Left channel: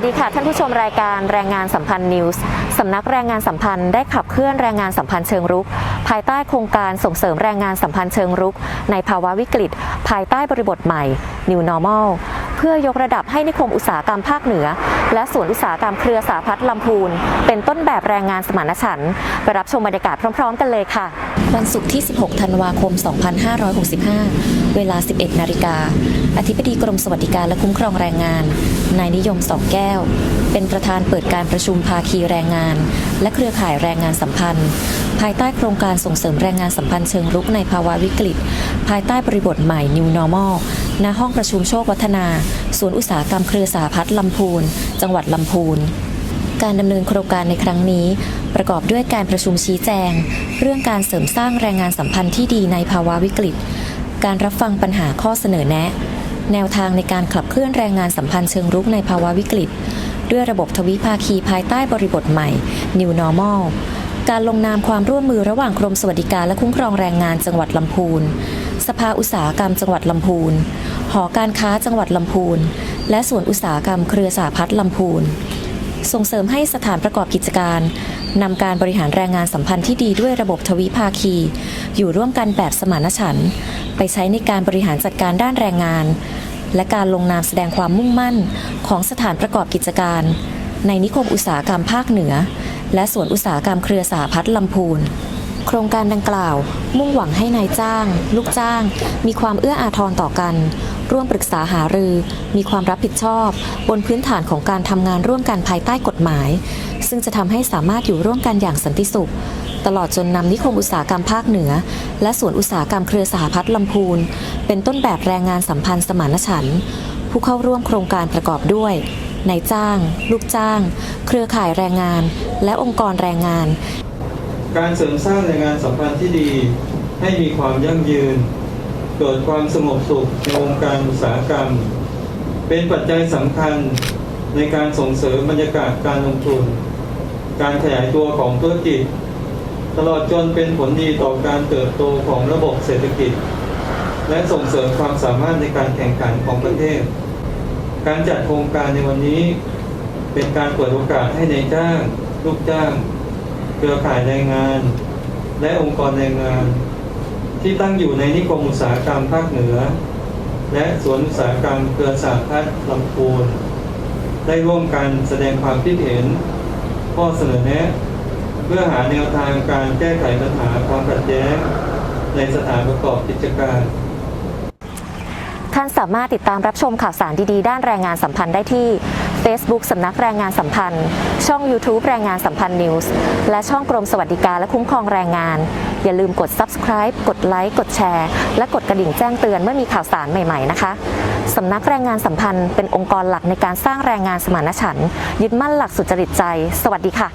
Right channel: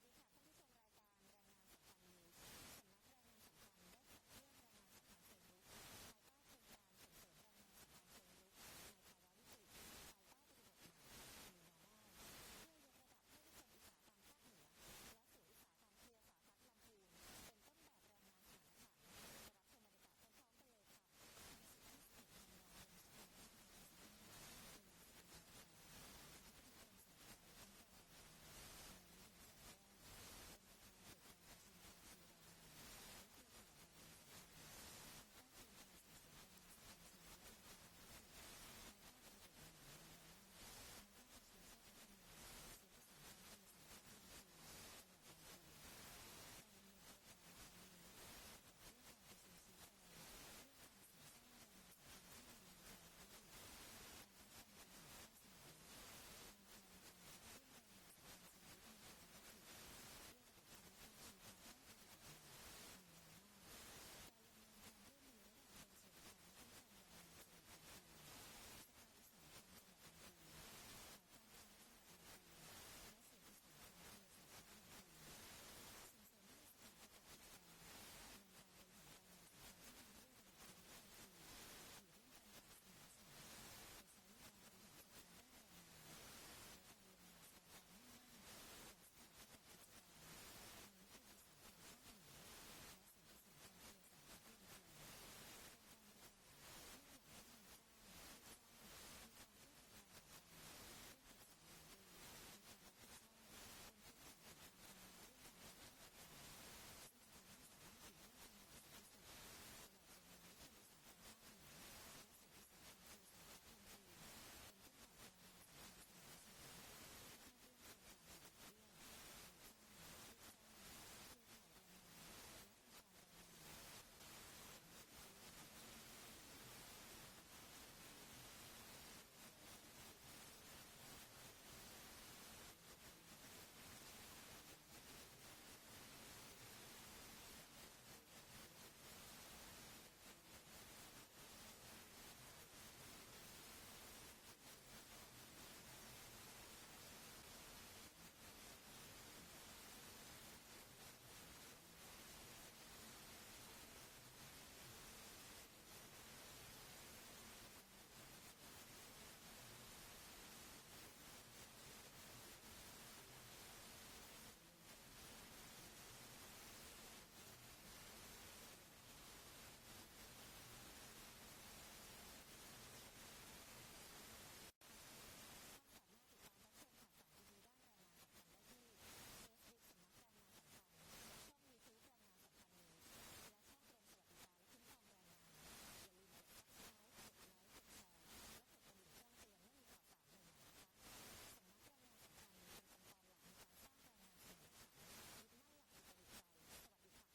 สดีค่ะ ท่านผู้ชมรายการแรงงานสัมพันธ์นิวส์สำนักแรงงานสัมพันธ์ได้ขับเคลื่อนแรงงานสัมพันธ์เชิงรุก ภายใต้โครงการส่งเสริมแรงงานสัมพันธ์เชิงรุก ในภาวะวิกฤต ภายใต้บริบทใหม่ New Normal เพื่อยกระดับให้นิคมอุตสาหกรรมภาคเหนือ และสวนอุตสาหกรรมเครือสาพัฒน์ลำพูน เป็นต้นแบบแรงงานสมานฉันท์ไปรับชมบรรยากาศพร้อม ๆ กันเลยค่ะ วันศุกร์ที่ 16 ธันวาคม 2565 เวลา 11 นาฬิกาอธิบดีกรมสวัสดิการและคุ้มครองแรงงาน นายนิยมสองแก้ว เป็นประธานเปิดการประชุมภาคีแรงงาน และเครือข่ายแรงงานสัมพันธ์ ภายใต้โครงการส่งเสริมแรงงานสัมพันธ์เชิงรุกในภาวะวิกฤต ภายใต้บริบทใหม่ New Normal ณห้องประชุมโชควัฒนาสวนย์อุตสาหกรรมเครือสาพัฒน์ลำพูน จังหวัดลำพูน การดำเนินโครงการในครั้งนี้ ประกอบด้วยการประชุมชี้แจง เรื่องการเสริมสร้างแรงงานสัมพันธ์ที่ดีในภาวะวิกฤต การรับฟังปัญหาข้อเสนอแนะ แนวทางในการขับเคลื่อนแรงงานสัมพันธ์เชิงรุกในภาวะวิกฤต ด้วยระบบทวิภาคีภายใต้บริบทใหม่ New Normal การลงนามความร่วมมือระหว่างกรมสวัสดิการและคุ้มครองแรงงานจังหวัดลำพูน สภาอุตสาหกรรมจังหวัดลำพูน หอการค้าจังหวัดลำพูน และสวนอุตสาหกรรมเครือสาพัฒน์ลำพูน ส่งเสริมให้สถานประกอบกิจการนำการบริหารแรงงานสัมพันธ์ที่ดีด้วยระบบทวิภาคี อยู่ร่วมกันแบบสมานฉันท์ไปใช้ในการบริหารจัดการด้านแรงงาน และการลงนามแสดงความมุ่งมั่นของสถานประกอบกิจการ ในนิคมอุตสาหกรรมภาคเหนือ และสวนอุตสาหกรรมเครือสาพัฒน์ลำพูน โครงการดังกล่าว มุ่งหวังให้นายจ้าง ลูกจ้าง มีความเอื้ออาทรต่อกัน ร่วมปรึกษาหารือ มีความรับผิดชอบ บนพื้นฐานของการทำงานร่วมกันภายใต้กฎหมาย ซึ่งจะทำให้สามารถอยู่ร่วมกันอย่างสันติสุขตลอดจนนำนิคมอุตสาหกรรมภาคเหนือ และสวนอุตสาหกรรมเครือสหพัฒน์ลำพูน เป็นต้นแบบแรงงานสัมพันธ์สมานฉันท์ผู้เข้าร่วมโครงการประกอบด้วย นายจ้าง ลูกจ้าง เครือข่ายแรงงาน และองค์กรแรงงาน การเสริมสร้างแรงงานสัมพันธ์ที่ดี ให้มีความยั่งยืน เกิดความสงบสุขในวงการอุตสาหกรรม เป็นปัจจัยสำคัญในการส่งเสริมบรรยากาศการลงทุน การขยายตัวของธุรกิจ ตลอดจนเป็นผลดีต่อการเติบโตของระบบเศรษฐกิจ และส่งเสริมความสามารถในการแข่งขันของประเทศ การจัดโครงการในวันนี้ เป็นการเปิดโอกาสให้ในจ้าง ลูกจ้าง เครือข่ายแรงงาน และองค์กรแรงงาน ที่ตั้งอยู่ในนิคมอุตสาหกรรมภาคเหนือ และสวนอุตสาหกรรมเครือสาพัฒน์ลำพูนได้ร่วมกันแสดงความคิดเห็น ข้อเสนอแนะ เพื่อหาแนวทางการแก้ไขปัญหาความขัดแย้งในสถานประกอบกิจการ ท่านสามารถติดตามรับชมข่าวสารดีๆ ด้านแรงงานสัมพันธ์ได้ที่ Facebook สำนักแรงงานสัมพันธ์ ช่อง YouTube แรงงานสัมพันธ์นิวส์และช่องกรมสวัสดิการและคุ้มครองแรงงาน อย่าลืมกด Subscribe กดไลค์กดแชร์ และกดกระดิ่งแจ้งเตือนเมื่อมีข่าวสารใหม่ๆนะคะสำนักแรงงานสัมพันธ์เป็นองค์กรหลักในการสร้างแรงงานสมานฉันท์ยึดมั่นหลักสุจริตใจ สวัสดีค่ะ